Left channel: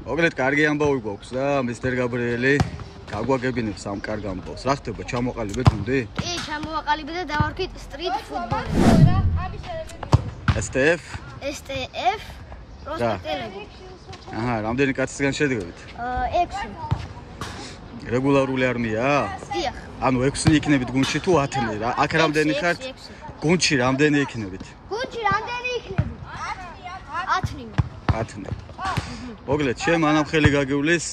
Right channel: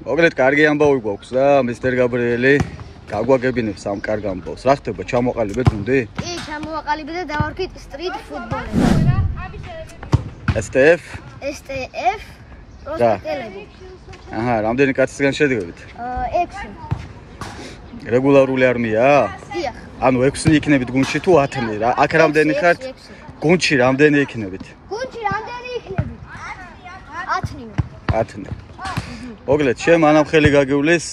მოგლეთ კარგი ამბავი გვაქვს და მისტერ გაბრიელი გაგვაგებინებს ამ კარგ ამბავს. რა ხდება, ჩამოყალიბეთ გუნდი? კი, ჩამოვაყალიბეთ და დავარქვით სტრიტ ფუტბოლები. STF? STF პროსპექტელები. აჰა, რამდენი კაცისგან შედგებით? 6. რეგულარული არმია? დიახ. ანუ 6-ნი იქნებით გუნდში თუ 10-ნი? აქ რამდენი ხართ? გუნდში რამდენი იქნებით? გუნდში რამდენი იქნებით? 10-ნი. 10-ნი. მოგლეთ, შენ მანამ ხელი გაგივლის,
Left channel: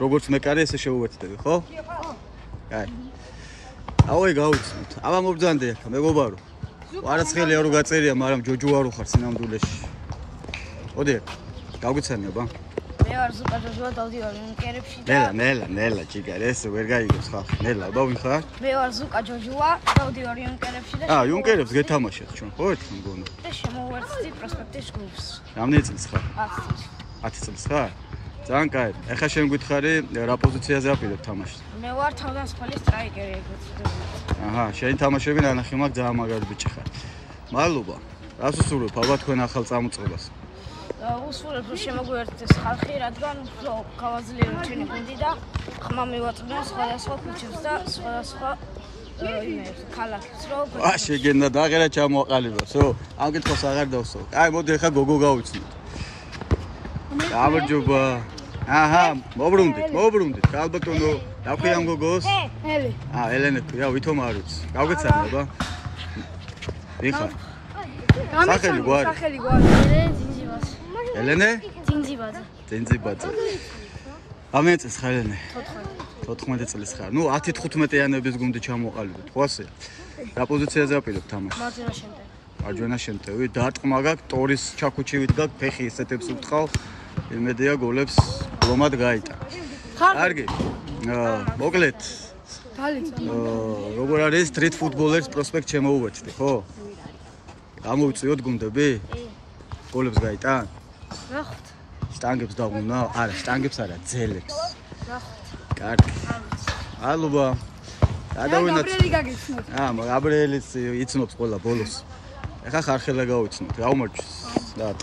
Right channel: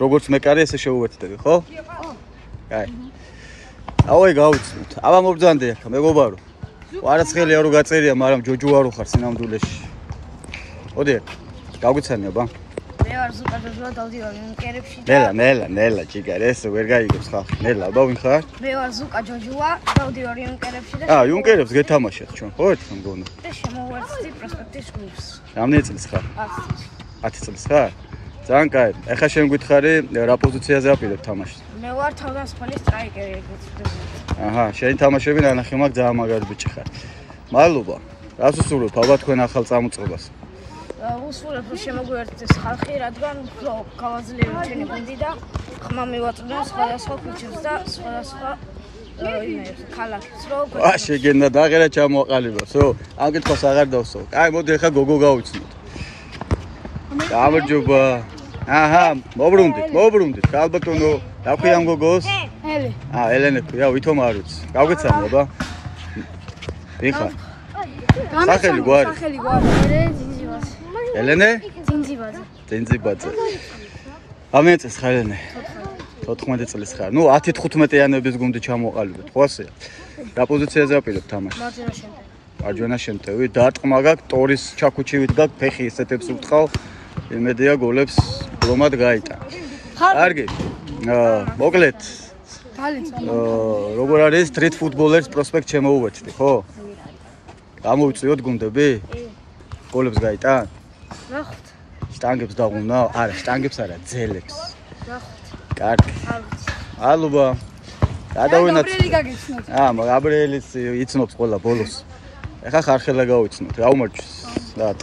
როგორც მეკარე ესე შეუერთდები, ხო? ხო. კაი. ავай გავუცნოთ. აბა მობძანდე ახლა, მეგობარო. არაც ხელი არ უგაწერია, მაგრამ ჯოჯო არ უხარ სინამდვილეში. მოდი, გაგვიცანი აბა. მე ვარ ზუკა ჯოჯო დავდივარ იუნკერებში და ნელა, ჭიგარ, ესე ვერ გაიგებს ხალხი. ნელა, აბა ვინ ხარ? მე ვარ ზუკა ჯოჯოა, დავდივარ იუნკერებში და იუნკერებს გეთამაშეთ ჩვენ, ხო ერთხელ მგონი? და შემოვერთდი პროსპექტის გუნდს. რამდენი წლის ხარ? 10 წლის. 10 წლის ხარ? ძალიან კაი. ეხლა შენ გითხარი რა პოზიციაზე აპირებ თამაშს? მე ვარ თავდამსხმელი სტრაიკერი, ეგეც ვთქვი. აჰა, შენი თამაშები ნანახი მაგ ძალიან მაგარი ბიჭი ხარ. მადლობა. რას უსურვებ აბა თქვენ ახალ წამოწყებას? უსურვებ რომ შემოგვიერთდეს ხალხი, რადგან უფრო გავაძლიეროთ ჩვენი გუნდი და ხმა მივაწვდენ სხვადასხვა ქუჩებს და სხვადასხვა იმებს, ქალაქებს, რომ შეგენდა დაღერა ჩამოაყალიბოს, ხო? ამ კითხვას აღარ დავსო. კაი, მოდი ახლა გოგო გავიცნოთ. გამარჯობა. აჰა, მობრუნდით. ალბათონო, დაქვი ამ გოგოს? ელე. ელენე ქვია, ვითომ არ ვიცი. გავგეცანი აბა. ვინ ხარ? სახელი გვარი. ელენე? ძინძიბაძე. ამენ წელს ხარ ელენე? 14 წელს ხარ. ნუ 10-15-იანების გუნდი ჩამოყალიბეთ, ხო ასეა? რა პოზიციაზე აპირებ თამაშს? მარჯვენა შემტევი. დარტყმა გაქვს, ტორის ჩაქუჩივით გაქვს, ფეხი ისეთებს უტყავ. იმედია გოლებს ბლომად გაიტან. კარგი. მოგლეთ. როგორ არის სტრიტ ფუტბოლერს პროსპექტ შემოუერთდი, ხო? გამოვიწიოთ გუნდები? გოლებს გაიტან? ნახოთ. სტანგებს დაღუნა? არა, სტანგებს არა, ძელებს. ნახოთ. კარგი. მადლობა. გადავინათ. გაბრიელის იცნობს ყველა ბოლოს. ეხა ხარხელა გავიცნოთ. გაუმარჯოს. რა.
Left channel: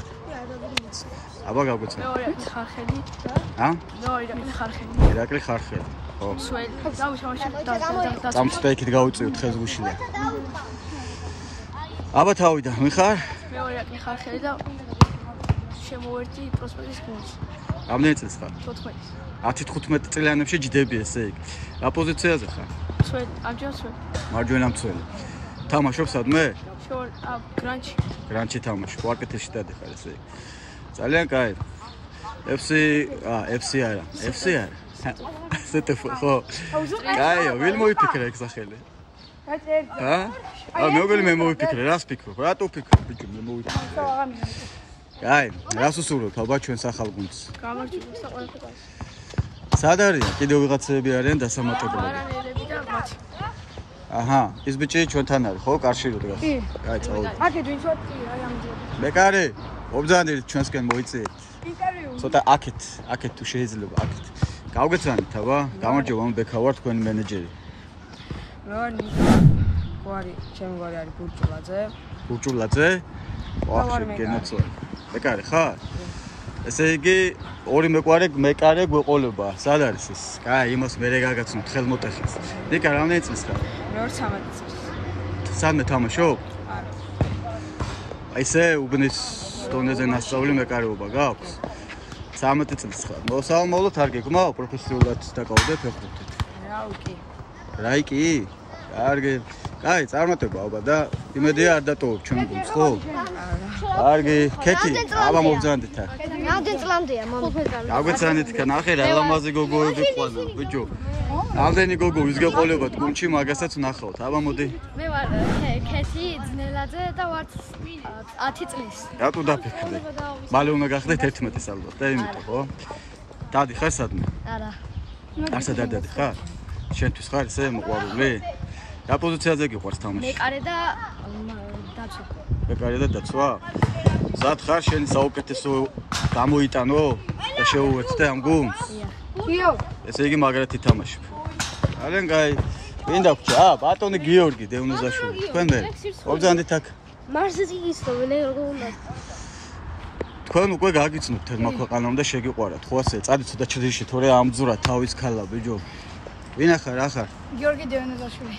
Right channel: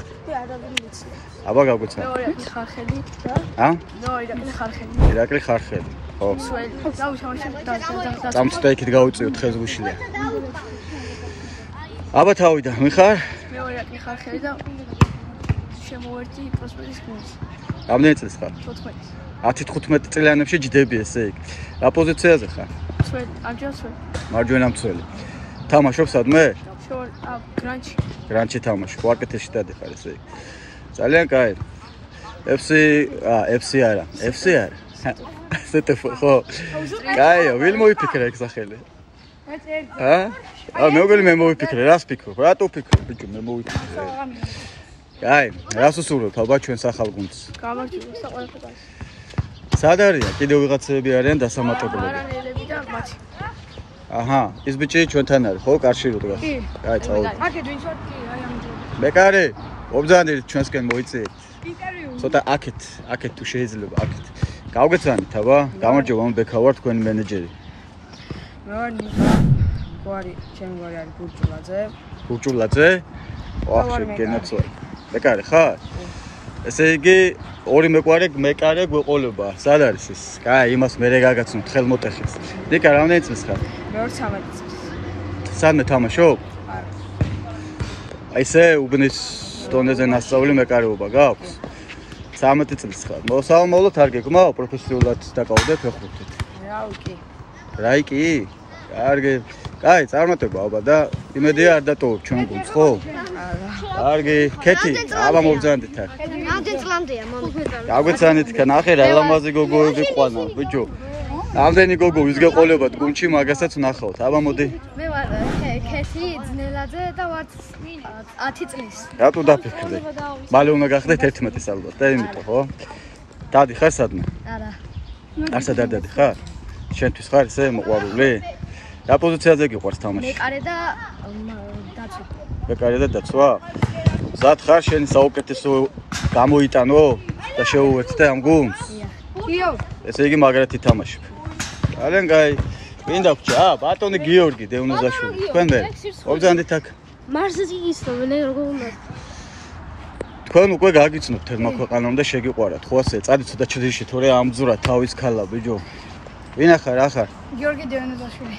აბა გაგვიცნო. მეორე ხარხელი. ირაკლი ხარხელი. ხო. სველი. დავიშავაშებ და წამწდა იქით გავიწიოთ ხეზგუშლია. აბა თავიდან, ვინ ხარ? მეორე ხარხელი და შემოვერთდი პროსპექტის გუნდში. რამდენი წელს ხარ? 14. 10-15 წლიანებში ჯდები ესე იქ. რა პოზიციაზე ხარ? სველი, ამჯერად სველი. მარჯვენა მცველი. თამაშობ სადმე? გრანჩი. გრანჩი თამაშობ, ვარკეთეში დადიხარ ესე იქ. ძალიან კაი. FC არა. STF ხო. კაიო, ვინ მოიფიქრა ეგ სახელი? მე მოვიფიქრე, რას ფიქრობ? რატო ფიქრობ, ბიჭო, მე მოვიფიქრე. კაი, რას უსურვებ აბა ჩვენს ახალ გუნდს? გამარჯობა და ყველაფერი. სად არიან? კიდევ ვიღაცები არიან დასამატებლები? მარანელები და მათი. აჰა, ის ბიჭი ჩვენთან არის, ხო? კარში რო დგას. კაი, წავედი. აქეთ ვინც ვარ? კი, აი ამჯერად. მეკარე, ობძანდით ჩვენსკენ მოიწიეთ. ცოტა აქეთ თუ შეიძლება, აქეთ. გავგეცანით აბა, გამარჯობა, მე ბექა ვარ, თქვენი მენეჯერი. მე ვარ ნიკა. გვარი, ჩემი გვარი არის ბურჭულაძე? ვაჰ, გენაცვალე. მეკარე ხარ? ესე იგი, ორი მეკარე გვეყოლება. სად არის ეს? კაი, იმას მერე გაგაცნობთ ხელმოტეხილს. ნიკა, რამდენი წლის ხარ? მე ვარ 13 წლის. სადმე თამაშობ? არა. ესე უბნის დონეზე ნასწავლი მეკარეობა გაქვს? 13 წლის ხარ. მოსალმოვლოდ არ გეგმაო პროფესიულად დაკავდე ფეხბურთით. რაიკი? კარგი. კაი, წარმატება აბა და იმედია არ დატოვებ ჩვენ გუნდს, ხო? არა. კარგი, ქეთი, აბა მოვძანდით აქ. რამდენი წლამდეა მომხდარა? გაგვეცანით ქა ნახე რა ლამაზი გოგოები ყვანა, ბიჭო. რამდენი გოგო ვიზგეყოლებათ გუნდში, მაგასაც ვნახავთ. აბა მოდი. მე ვარ ქეთი ძნელაძე და ვარ 10 წლის. რატო დაფიქრდი? მალე უნდა გახდეთ 11-ის ალბათ, და იმიტომ, ხო? დადი ხარ სადმე? არა. არსად არ დადი ხარ? შენთვის ხარ ესე მოყვარული? რა პოზიციაზე გიყვარს თამაში? მეკარე და დაცვა. მეკარე და დაცვა? მზად ხარ შენი საუკეთესო გამოიტანო და შეუერთდე ამ გუნდს? იო. ესე იგი მაგრად ითამაშებ. ძალიან კაი. ვინ დაგვრჩა? ბატონი გიორგი დევნოზაშვილი. თქვენ მე? ობძანდით აქ. მარზი ის და მე როგორ უნდა? თქვენ უკვე გაგიცნობთ თერმა ქვეყანამ და შეგიყვარათ, ხო ასე? წადით ცოტა ჩრდილში, თორე ამძურა თავის ქალა, ბიჭო. ვინ ახარ, ახარ? გიორგი დევანაძაშვილი.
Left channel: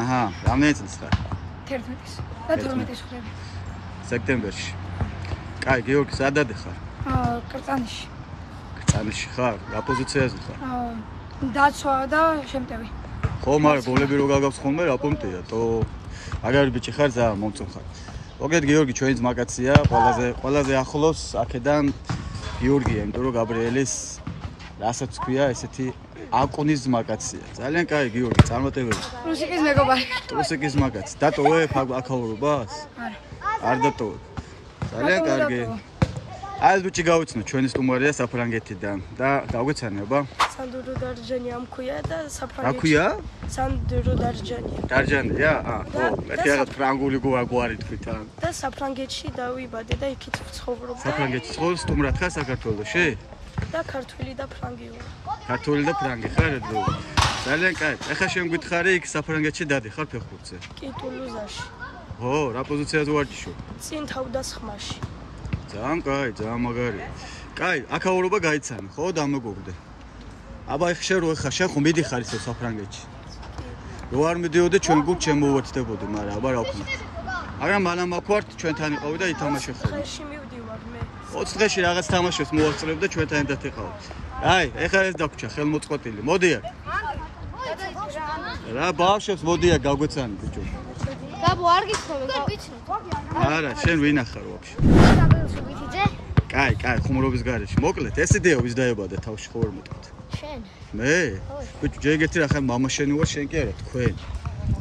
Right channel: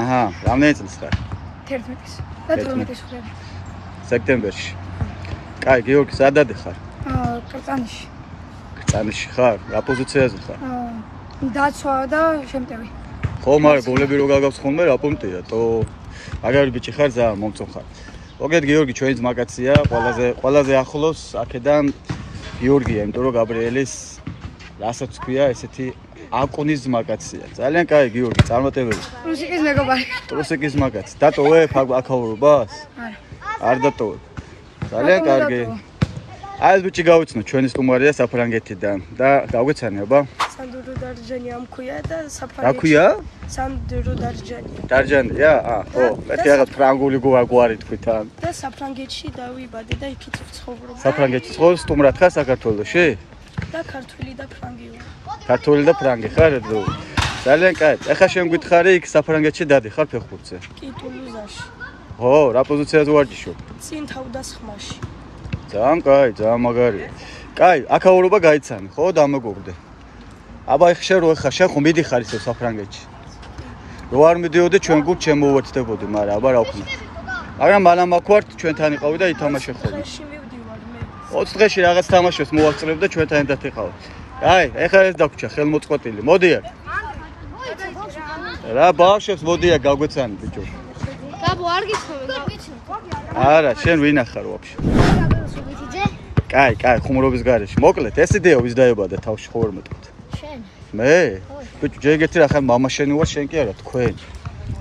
აჰა, რამდენი წლის ხარ? 11-ის და 12-ის ხარ. სექტემბერში. კაი, გიორგი, სადადე ხარ? კრწანიში. კრწანიში ხარ? რა პოზიციაზე ხარ? დაცვა და შემტევი. ხო, მაგრამ გოლები რო გაგავს ხოლმე, რა პუნქტია? თო მაგარი ბიჭი ხარ, ძალიან მომწონ ხარ. მოგეთ გიორგი, ჩვენი ძმაკაცია, ყველაზე ახლოს აქედან გიორგია, იმიტომ რომ გაბრიელის რასაც ქვია, ესეთი აკუნის ძმაკაცია. ძალიან კაი გიორგი, წარმატებები. რუსიკის მეგობარი. რუსიკის მაგაცი. დატოვებ აქაურობას? არა. არ დატოვებ. ძალიან კარგი. აი ეს ბიჭი გავიცნო, ჩვენი სტუმარია საფრანგეთიდან და გავგეცანი აბა? სანდრო დარჯანია მქვია და საფრანგეთში. რა ქვია? სანდრო დარჯანია. დარჯანია? ხო, მეთქი რაღაც ფრანგული გვარი თქვით ან. და საფრანგეთში დავიბადე და იქით ვცხოვრობ. საფრანგეთში ცხოვრ სტუმრად ხარ საქართველოში? და ქართული და ფრანგი ვარ. ქართული და ფრანგი ხარ? ძალიან კაი. ეხლა შენ გითხარი იქ საფრანგეთში დადიხარ ფეხბურთზე? კი, ტულუზაში. ხო, რა პოზიციაზე ვარჯიშობ? წინ თავდასხმაში. ძალიან კაი, ძალიან მაგარია. კაი, აქაურობა გაიცანი, ხო, დამეგობრდე. აბა შენ რო ხარ, შენ ხომ მიდიხარ ისე საფრანგეთში? რო არ მიდიოდე ჩვენ გულ შემოვერთდებოდი, მაგრამ აბა რა ვქნათ. მაგრამ მალამ აქვართ ჩვენთან იყავი და ითამაშე ხოლმე. დღეში მივდივარ მე. 20 დღეში რაღაც თამაშებს მოვასწრებ და ჩვენთან ერთად იყავ. აი, ეხლა ეს დაგვრჩა ხელმოწყვეტილი. მოდიარ. რა ბავშვებს მოდიარ გავგვეცანი ბიჭო. გაბო არ გიცნობ. არა, შენ ვინ ახარ ვაფშე? კაი, ხუმრობის გარეშე. მოკლედ, ეს იდეა ვის დაებადა თავში ხო ვერ მეტყვით? შენ. მე? ბიჭო, ჯერგეთი რა ხარ მამა შენი ვარ, შენ კი არა, თქვენ.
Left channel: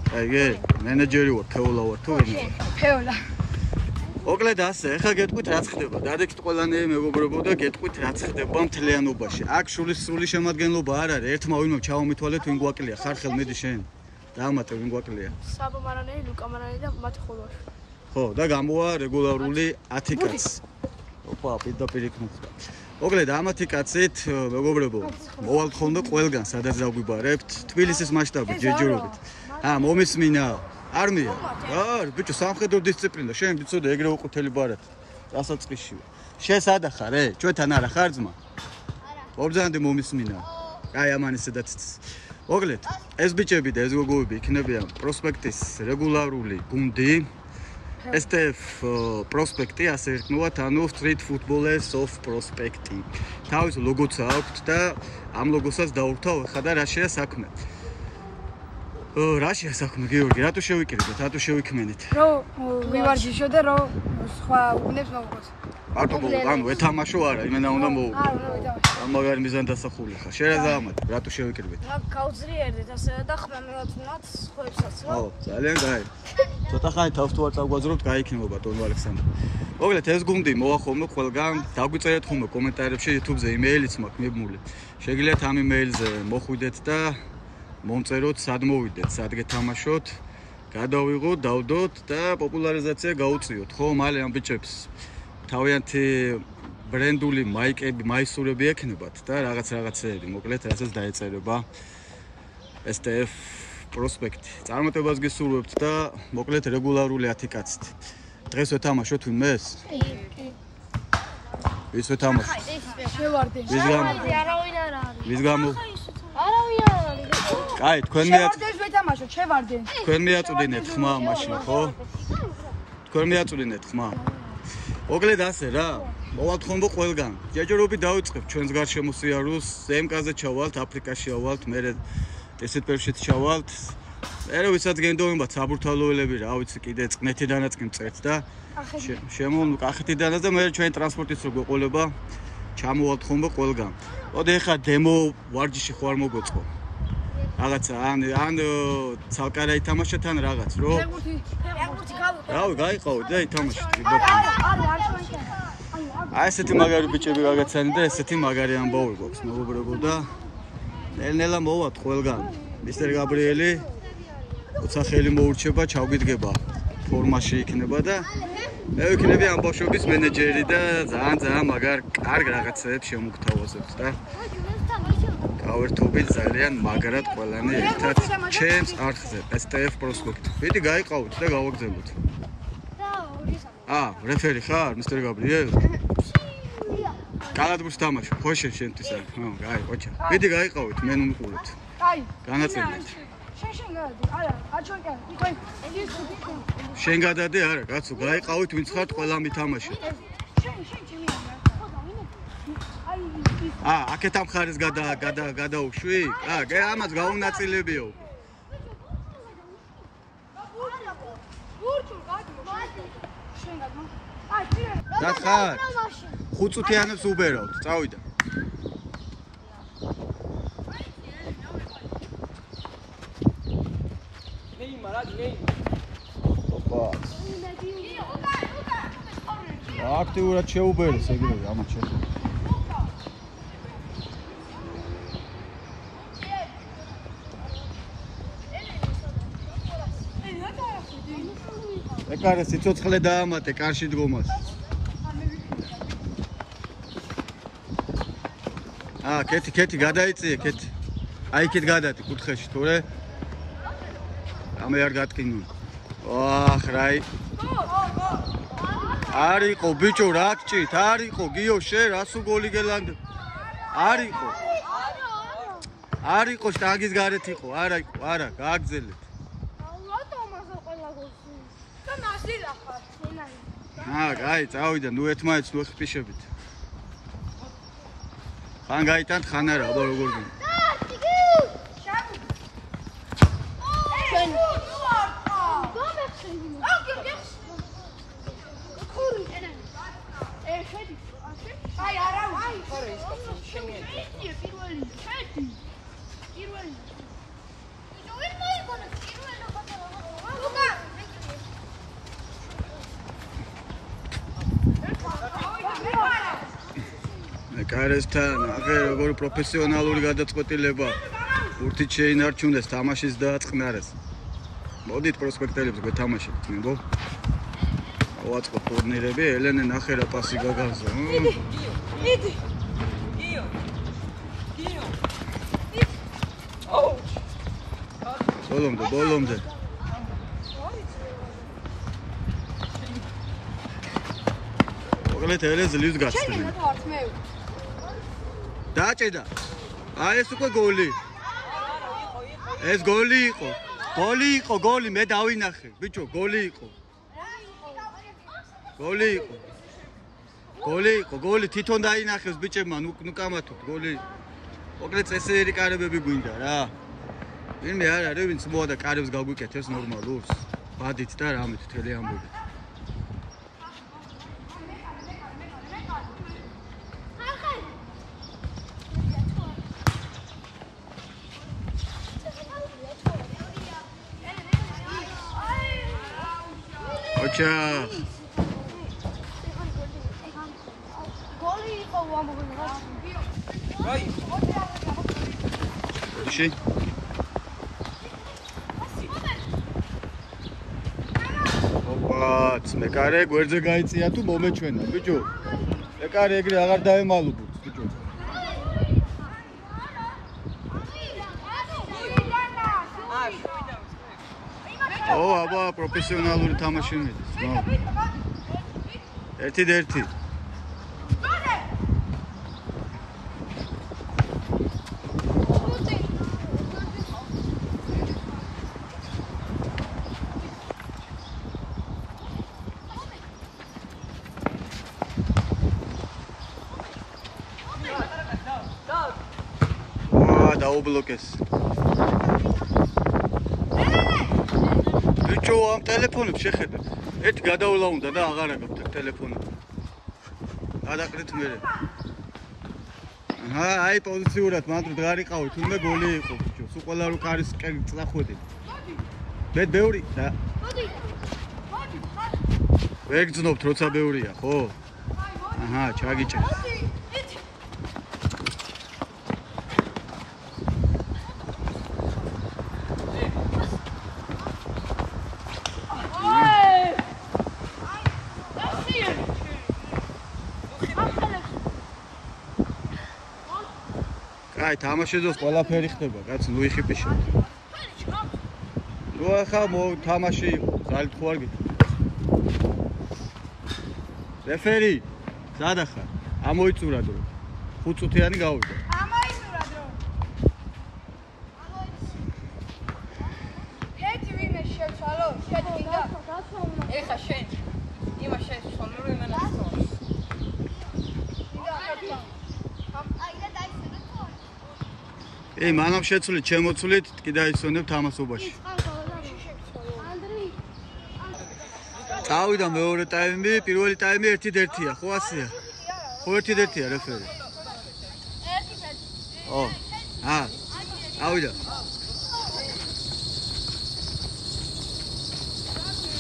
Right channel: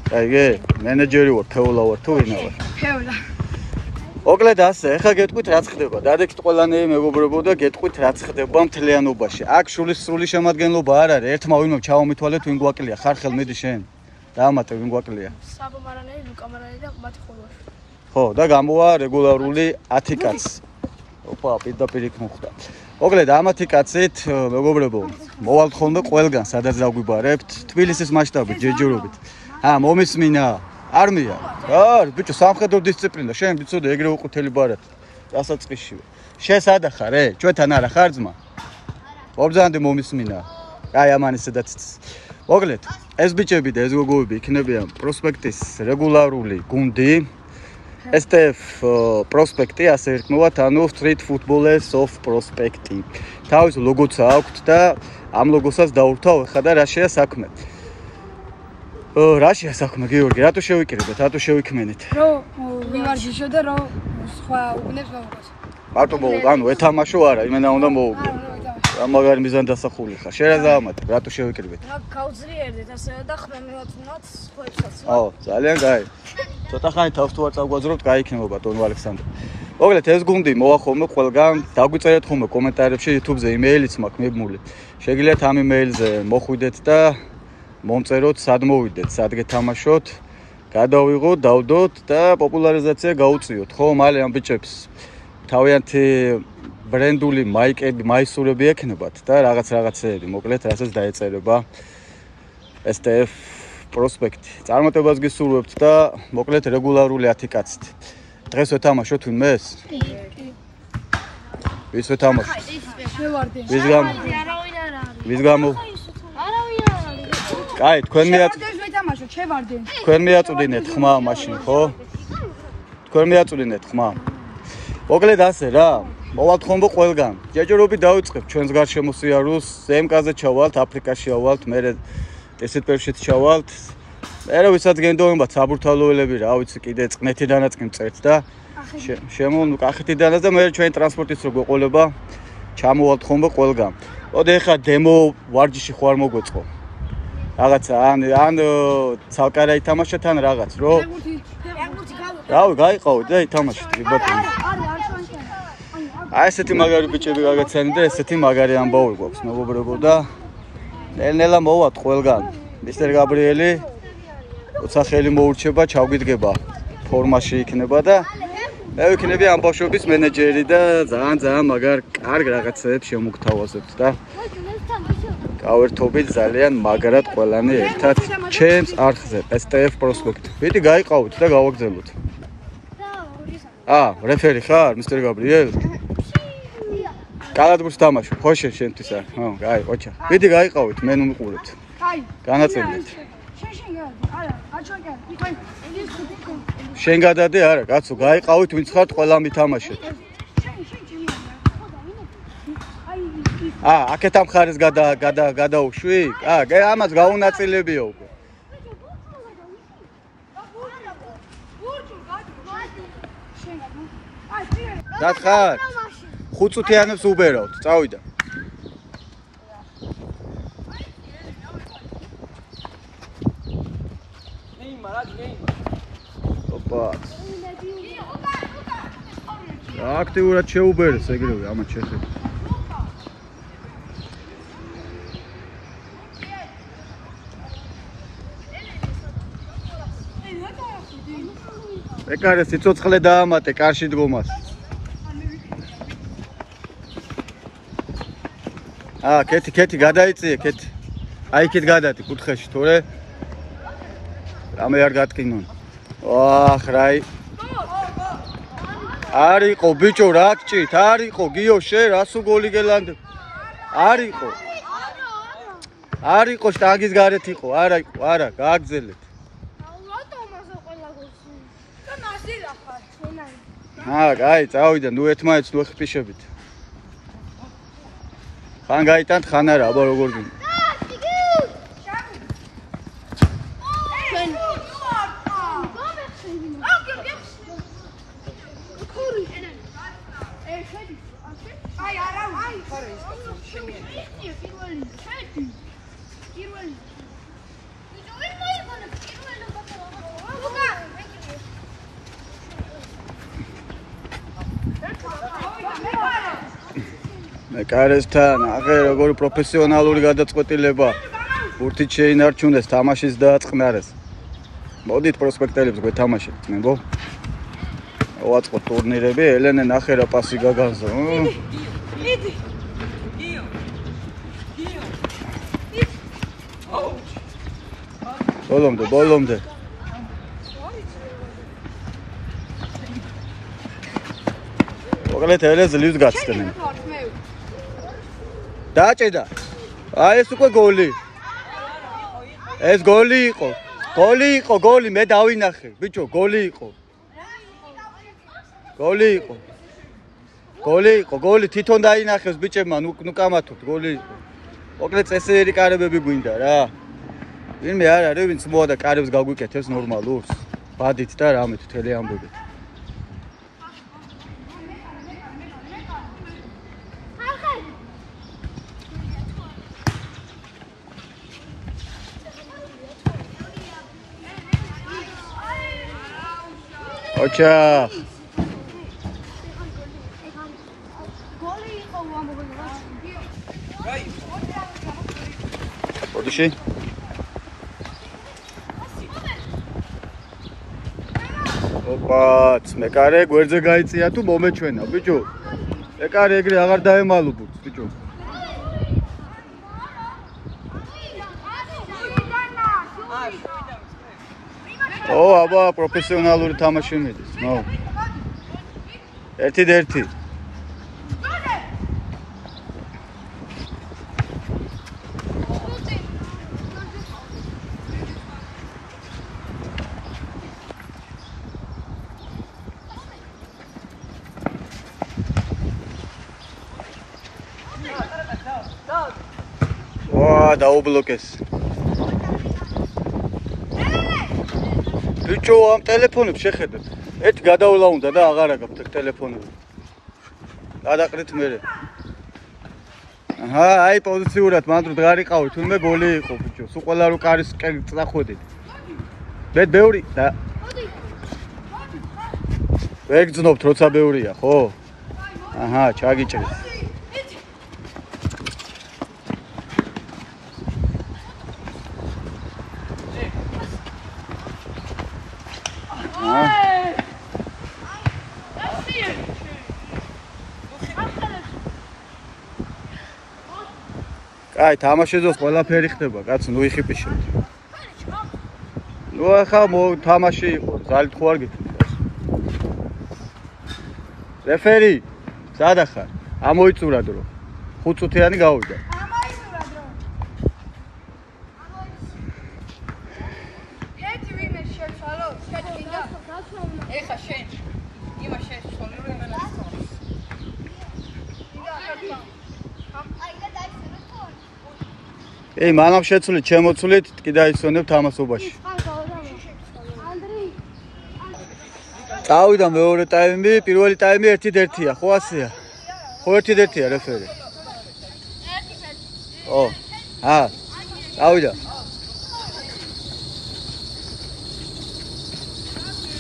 კაიგე, მენეჯერი ვარ, თეოლა ვარ, თუ ვინა ვარ? თეოლა. მოკლედ ასე, ეხლა გეტყვით რაც ხდება. დადექით ყველანაირი მეგობრებო და გეტყვით რაც ხდება მთლიანობაში. აქ შულის სრული შემადგენლობა არ არის. ერთმა ვინმე ჩავამითვალეთ ვინ გვაკლია. ხარხელ მიდი შენ. დაამატე ვინ გვაკლია. საბო მარანელი, ლუკა მარანელი და მათი ხოლმე. ხო, და გამოვა რეგულარული 10 კაცი. ოპა, პირდაპირ იქ მოხდა. მოკლედ, ამ 10 კაცით, მეგობრებო, მოვალთ ხოლმე ყველგან, სადაც დაგვიბარებთ, თბილისის მასშტაბით, ჯერჯერობით. მომისმინა არმია. ბიჭო, სამხედრო დისციპლინა, შენ ვიცოდე, ეგრე უყუთელი ბარად. დასაწყისშივე. შენ სადა ხარ, ჩვენთან არა ხარ ძმა? მობრძანდი მომისმინა. აი, ამან ისედაც. მოკლედ, ეს ბიჭები და ეს გოგოები იქნებიან პროსპექტის რეგულარული გუნდი. STF პროსპექტი ასე ერქმევათ, ანუ Street Footballers of Prospect. თავის ლოგოც აქვთ და ამ ლოგოსაც დაურთავ ხა და რა შეა საქმე. რა შეა საქმე, გიორგი, რატო შევიკრიბეთ, რატო შევიქმენით? რო ვივარჯიშო და რო სხვა უბნებს მოვუგოს. მარტო ანუ ეთამაშო არა, იმენა უნდა მოვუგო. რა მაგარი მიზანი დასახული ხარ. შენ რა დაამატე, რატო შევიკრიბეთ? გავძლიერდეთ ასე და ხმა მივაწვნოთ სხვებსაც. ო, ძალიან კაი. ცოტა ხანი თავს თუ არ წაგვაძრობთ, გაიქნება ბატონო ალექსანდრე. მოკლედ, ეს გუნდი მოვა ხოლმე ყველგან, დაგვიწერეთ ხოლმე კომენტარებში, YouTube-ზე იმეილიც მაქვს მიბმული. შეგიძლიათ ამ იმეილზე მოხვიდეთ და მომწეროთ, სად მოვიდეთ, სად გეთამაშოთ, გადავიღოთ, დავდოთ და პოპულარიზაცია გაუწიოთ. ხო, მალე ამ ბიჭებს თავიანთი ბრენდული მაიკები, მაისურები ექნებათ და რაღაცეები, მოკლედ, რასაც დაეწერება STF პროსპექტი. წარმატებას გისურვებთ და მოკლედ რეგულარული 10 კაცით. დღეს ვეთამაშოთ ვინმეს? ვის ვეთამაშოთ? შევარდე. ვის გამო? ვის გამო? კაი, თქვენ ვეთამაშოთ, შევარდე. თქვენ მიაწვდინეთ ხმა მაშინ, ხო? თქვენ მიაწვდინეთ ხმა. მოკლედ ასე რა. მოვალთ ხოლმე ყველგან. ჯერჯერობით დავიწყებ ჩვენს გარშემო სიარულს, ზემკაზე ჩავალთ, აფრიკაში ავალთ, მერე ესეთ ჩავალთ. მერე ვისაც გენდობებათ საბურთალოელები, რა ვიცი, კიდე წყნეთიდანაც კი მწერთ და კახეთიდანაც და მერე ჩვენი ტრანსპორტიც რო გვეყოლება, ჩამოვალთ ხოლმე ყველგან. მოდი ეხლა დემო ვარჯიში ხო არ მოგვეწყო. რაღაცა ან ცალკარა ითამაშეთ ან რაღაც, რო? რავი, გაიყავით და ითამაშეთ, ბატონო. აი ესეთი მაგარი ბიჭები გაგეცანი და ესეთი მაგარი ამბავი გვაქვს, მეგობრებო და ნელ-ნელა მოვათ ყველგან. მისტერ გაბრიელი როცა ხელი მოურჩება, ჩავგიდგება, ფორმაში იქნება და მე ვიქნები ამ ბავშვების მენეჯერი და ძალიან მაგარ კარგ რაღაცებს შემოგთავაზებთ და გავერთობით ძალიან მაგრად ყველანი ერთად ჩემს არხზე STF პროსპექტ. ვიდი გაიყავით და გავაგზავნოთ. რეფერი ხარ, მისტერ გაბრიელ? კალათბურთს თამაშობ, ხო შენთვის არა. ხო, აი, ყოჩა. მიდი გაიყავით, მე ნუ მიყურებთ. აი, განაწილეთ. შენ გადი, არა, აჩვენ გადი. იქ შენ გადადე არა, კაცო, გაიყავით, ვინც ხართ, ყველა მითამაშეთ. შენ ჩემია. ხო და აი აქეთ ამ ხარეს გადაუშვი? ამას გაუნაწილებიო უკვე. რა ხარ? 5 წუთიანებს უბერავთ, წავიდა. აქტიურად შეუბერეს ეგრევე ამათ შეხედა. ეკარე სიცოცხლე დაამატე კარში დგომას. კეთი გადაიწიე, კეთი. აი იქით გადადი კუთხეში, თორე რამე არ გატკინონ. რაი. არ იყო ბიჭო, რა გჭირთ? არ იყო გიო შე რასუ გოლი გელანდ. არ იყო. არ იყო შტანგის გარეთ იყო, არა იყო, არა, გააგზელეთ. კაი, წავიდა, ნუ ერთმანეთს ნუ ხპიშებით. ხან გაიტანთ, ხან არა, აბა როგორ გინდა. კარესთან აღე როგორი პროფესიონალური გადაწყვეტილება ბურთით შეინარჩუნეს, თამაშის დააწყნარეს. მოდით პროსპექტელებს გვეთამაშებთ, ნებო. ვაწყოთ ტურნირები, ელენე ნახე რა პასი გაგანზო. მიდი. ბოლომდე. მოკლედ ელენს ძლივს გაცდენენ. დაჭედა. ეს უკვე გოლი. ეს გოლი იყო. გოლი, მე დავინახე. ბიჭო, გოლი იყო. გოლი თვითონ დაინახეს ბიჭებმა, ნუ კამათობთ, გოლი იყო. მოკლედ წესიერი კარებები გვინდა რა. ვინმე არ არის, ვინც მოადა კარებს გაგვიკეთებს ნორმალურს. ბადით და რამეთ თელი ამბებით. ოჩა ოდიში ოპაც მეკარე გვერდზე გაიწია თუ მომეჩვენა ბიჭო მეკარე ეგრე აღარ დაემალობთ ბიჭო აბა პროფესიონალური თამაში მიდის ნო ერთი დაუბლოკეს ბიჭო ამ ტელეფონებს შეხედეთ ერთი გადავლა უნდა და აღარ აგაქვთ ტელეფონები გადაყრით მე აი პოზიციურად მანდ დღარიყავით თუნდაც გოლი იყო ბიჭო სულ ყველა რო კარის წახვედით მე ბევრი და ვერ გძნობთ როცა ბევრია ხო ჩაგიჭრეს აი თამაშედოს ყველაფერი ხდება კაც ნუ იხიპიშოთ ნუ ახლა თამაში იყო ზალით ხო არ გიქნით რეფერი სადახარ ამოიწურა დრო. 5 წუთიანი გავიდა. ამოიწურა დრო. ერთი ვინმე შეცვალო, შედგინდა. ეხა შენ. იმა შენ ცვალე რომ მანაცვალ. ეი, მანამ შეცვლით, შემოცვლით, კი დაიცვენებ თამასობაში. წავიდა მეორე ტაიმი, პირველი ტაიმი 1-1-ია, ხო ასეა? ხო 1-1-ია რეფერი. ო, წავიდა.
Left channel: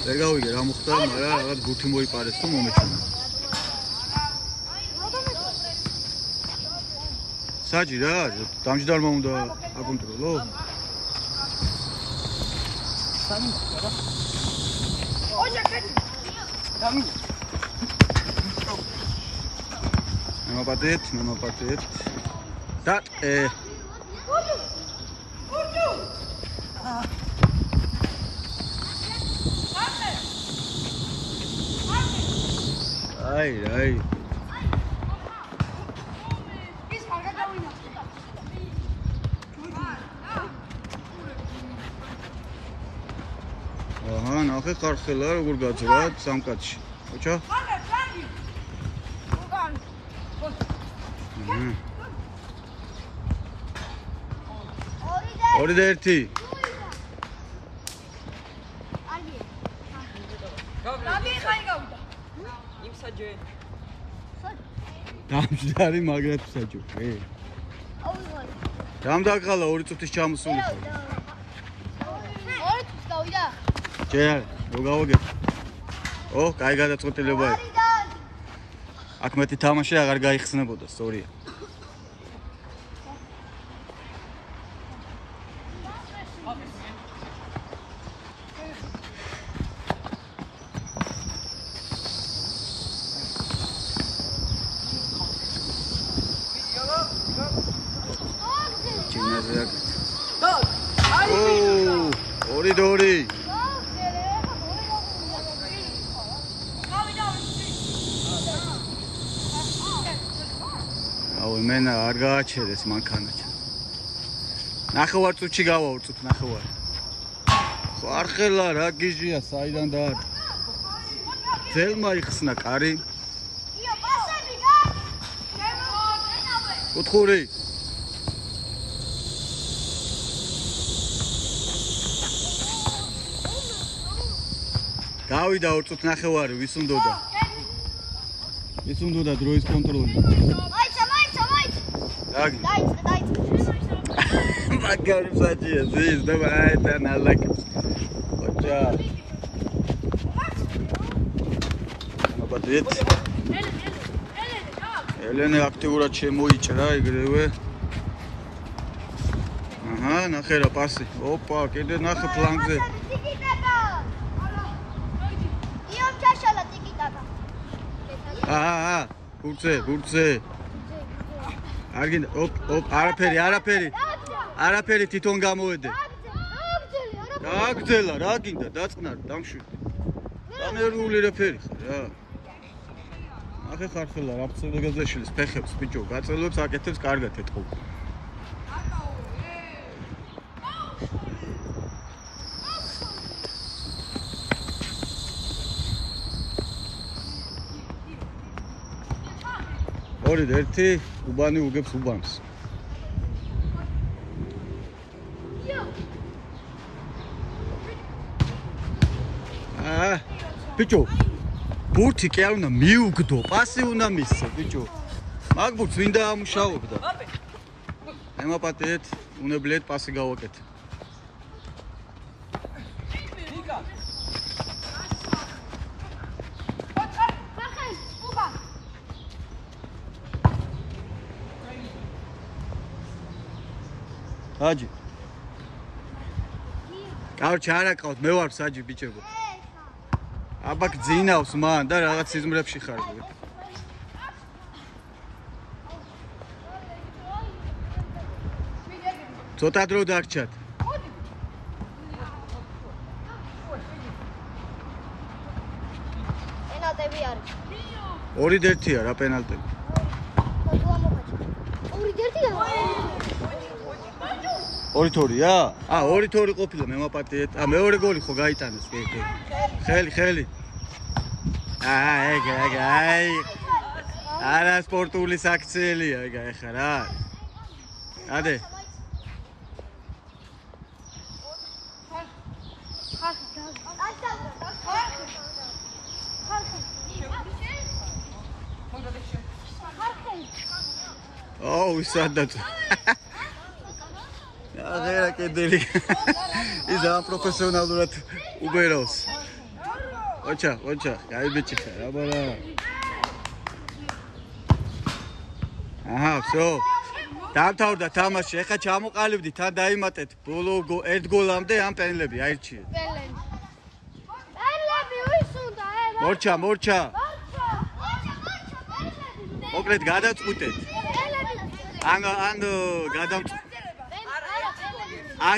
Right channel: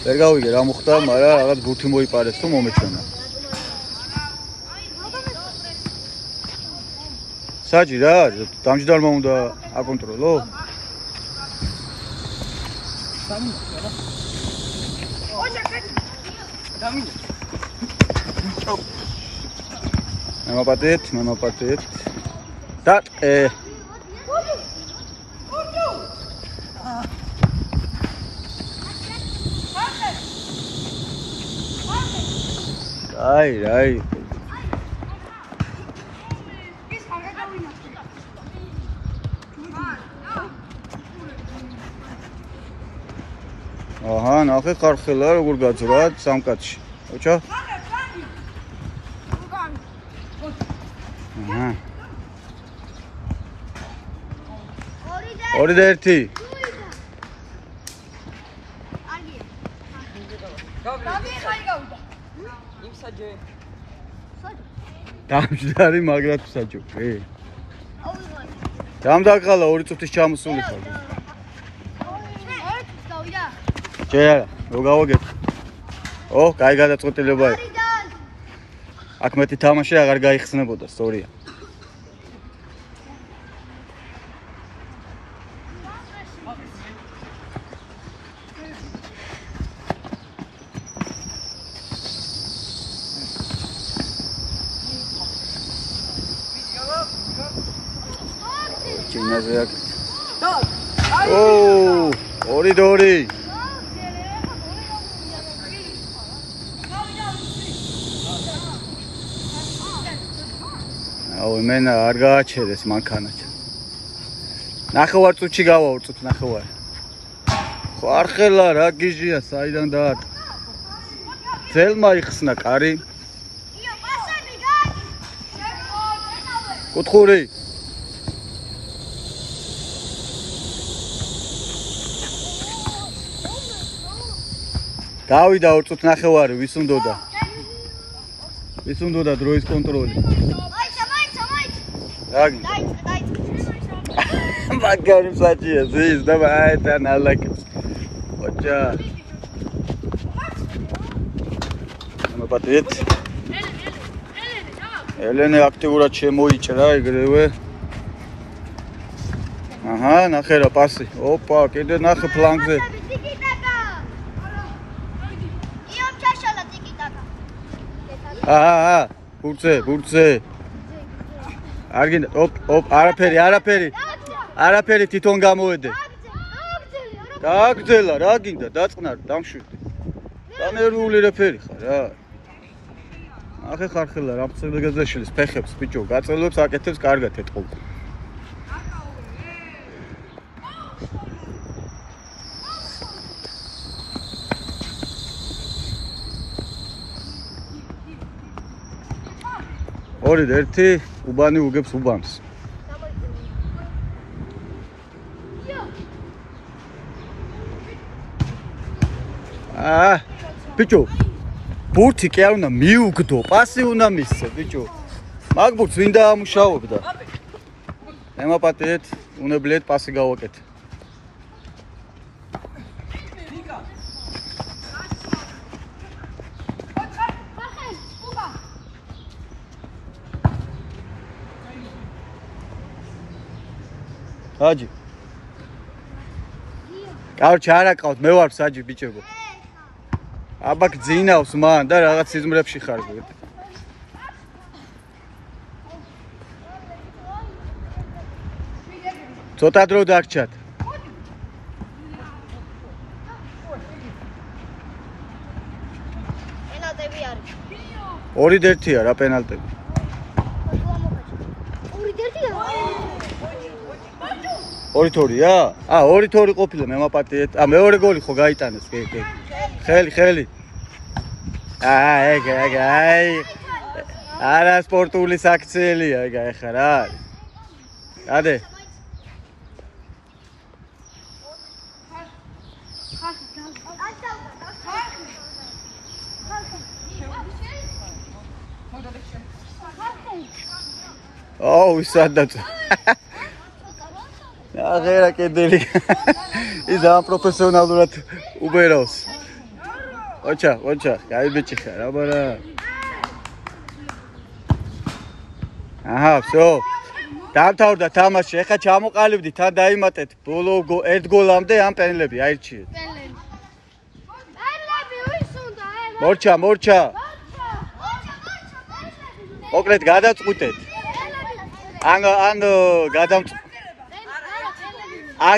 ვერ გავიგე რა მოხდა, მაგრამ რაღაც ბურთი მოიპარეს თუ მომეჩვენა. საჯი რა არის? დამჯდარმა უნდა აკონტროლო? მემაპატეთ. და აი. აჰა, ნახე ხარხელა როგორ გაძრა სამკაცში. ოჩა? აჰა. 2-1. დამჯდარი მაგრად საჯობი. დამდაკალა 2 წუთის ჩამოსული ხარ. ჯერა, რო გავაგებ. ო, კაი გადაწყვეტილებაა. აქ მეტი თამაში აღარ გაიხსნებოდა, სწორია. ჩინაზე აქ. ო, 2-2. აუ, მენა არ გააჩერეს მანქანაჩა. ნახევარ წუთში გავაურწოთ, ნახევარ. ხარხელა რა გიჟია, საიდან და ძელმა იხსნა კარი. კუთხური. გავიდა 2 წუთი ნახევარი, ვის უნდოდა? ვის უნდოდა დროის კონტროლი? Ragin. Bakarım saçıya, siz de bayten alak. Hoca. Mepatvet. Eleni aktivurat შემოიჭრა ეგრევე. აჰა, ნახე რა პასი. ოპა, კიდე ნახე ფლანგზე. აჰა, ბურცე. არგინდა, არაფერი თვითონ გამოვედე. გააგრძელა, რა გინდა, დაწყნა, დამშვიდე. დანერვული რეფერი ხარ რა. ნახე ხარხელა, რა ფცელეგაზე შელის ფეხებს ბიჭო, გაწელებს აკეთებს კარგად ეთყობ. ორი და ერთი უბანი უგებს უბანს. ბიჭო, ბურთი კი არ უნდა მიუგდო, პასი უნდა მისცე, ბიჭო. მაგ ბურთს ვინ დაამუშავებდა? ემაპატეთ, უნებლიეთ პასი გავაკეთე. საჯი. კაროჩე არა ყავთ, მე ვარ საჯი ბიჭებო. აბა გძინავს მან და რაღაც სიზმრებში ხარ. ცოტა დრო დაგჭათ. პენალტები არის. 2-1-ია რა პენალტები. 2-2-ია? აა 2-2 ყოფილა მე მაპატიეთ. აა მეორე გოლი ხო გაიტანეს, კი. ხელი. აი. არა სპორტული საქციელია, ეხლა რა არის? ადე. აუ, სადაც. აღერა კედელი. ის ამ პროფესიონალურად უბერავს. ოჩა, გაიბეჭი ხარ, აბარა. აჰა, всё. დამთავრდა თამაში. ეხა ჩამოყალიბდით, თან დაიმატეთ. ბოლო ერთ გოლამდე ამ პენლები აირჩიეთ. მორჩა. მოკლედ გადაწყვიტეთ.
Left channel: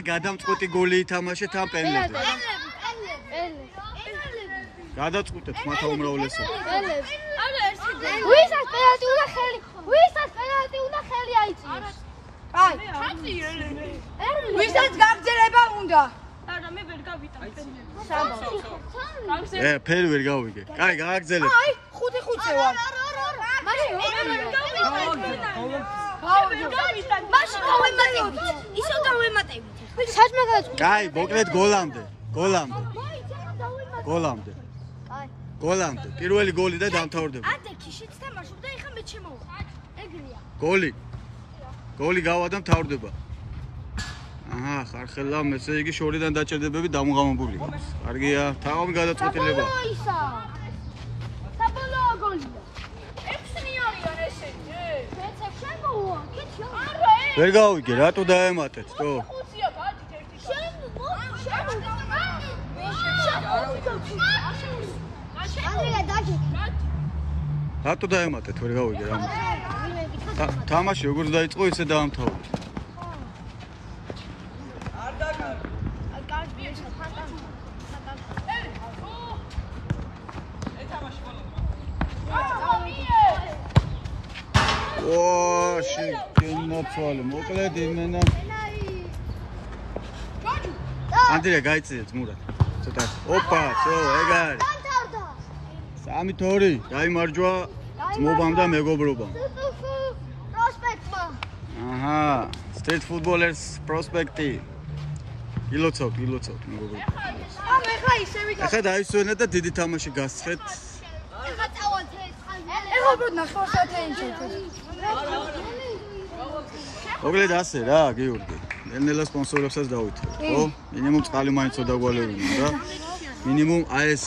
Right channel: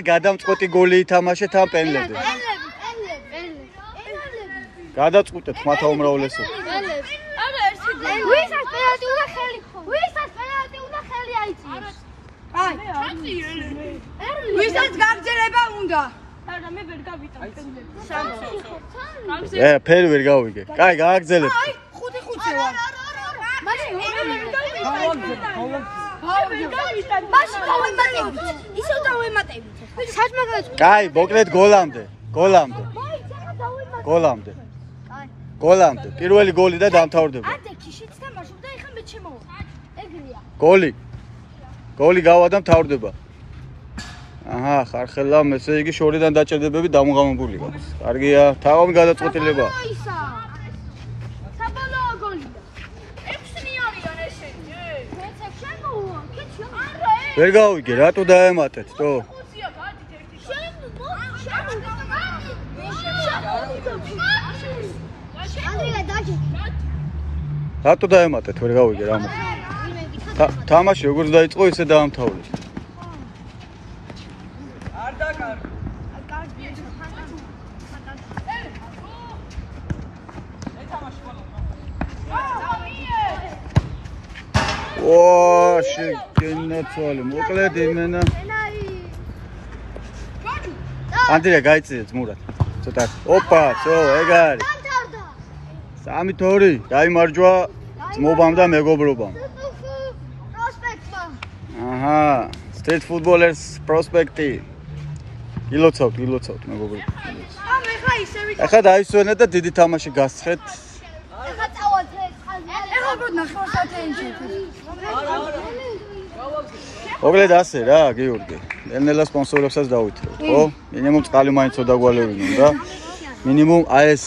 გადამწყვეტი გოლი ითამაშეთ ამ პენლებზე. გადაწყვიტეთ ხმათა უმრავლესობა. ვისაც გაგზელება უნდა. არა, მე ვერ გავიტან პენლებს. ფერი ვერ გავიგე. კაი, გააგზელებ. აი, 5-5 ვარ. მაშინ ისო დავემატებით. საჭმა გადაწყვეტ. კაი, მოკლედ გოლამდე. პირველი გოლი და დამთავრდება. ადექი შიც თამაშობდა, ეხლა მე ჩემოვა. ეგრეა. გოლი გავა და მთავრდება. აჰა, ხარხელა, ესე იგი შორიდან დაჭერდებები დამოღამებული გაქვს. კარგია, თავი გადაწყვეტილება. საბოლოო გოლია. 6-2-არიან ესენი. ვერ გავიგე, რატო დაემატეთ, თო? რატო დაემატეთ, ვერ გავიგე რა მოხდა. თამაში როგორც დაიწყო, ისე დაამთავრეთ. შეგენაცვალე, მოკლედ იმენა. ანდრია გაიწიეთ მურად. ცოტა. ოპა, всё, ეგ არის. 3-2, დაიმარჯვა ძმობამ და მეგობრობამ. აჰა, Street Footballers პროსპექტი. ილოცავთ მეგობრებო. ახლა დაისვენეთ და დიდი თამაში გასცეთ. მოკლედ ასე რა, გიორგი. ნელ-ნელა სპონსორებსაც დავითრევ, ხო? მინიმუმ წყალი მაინც დაგვალევინო და მინიმუმ აი ეს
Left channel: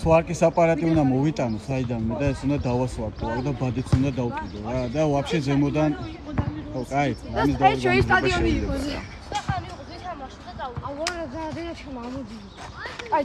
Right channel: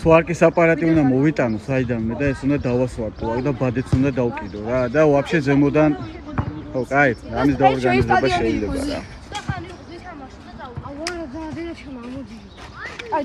სვარკის აპარატი უნდა მოვიტანო საიდანვე და ეს უნდა დავასვარკო და ბადეც უნდა დავკიდო რა და ვაფშე ზემოდან ხო, კაი, ამის დაორგანიზება შეიძლება რა. აი,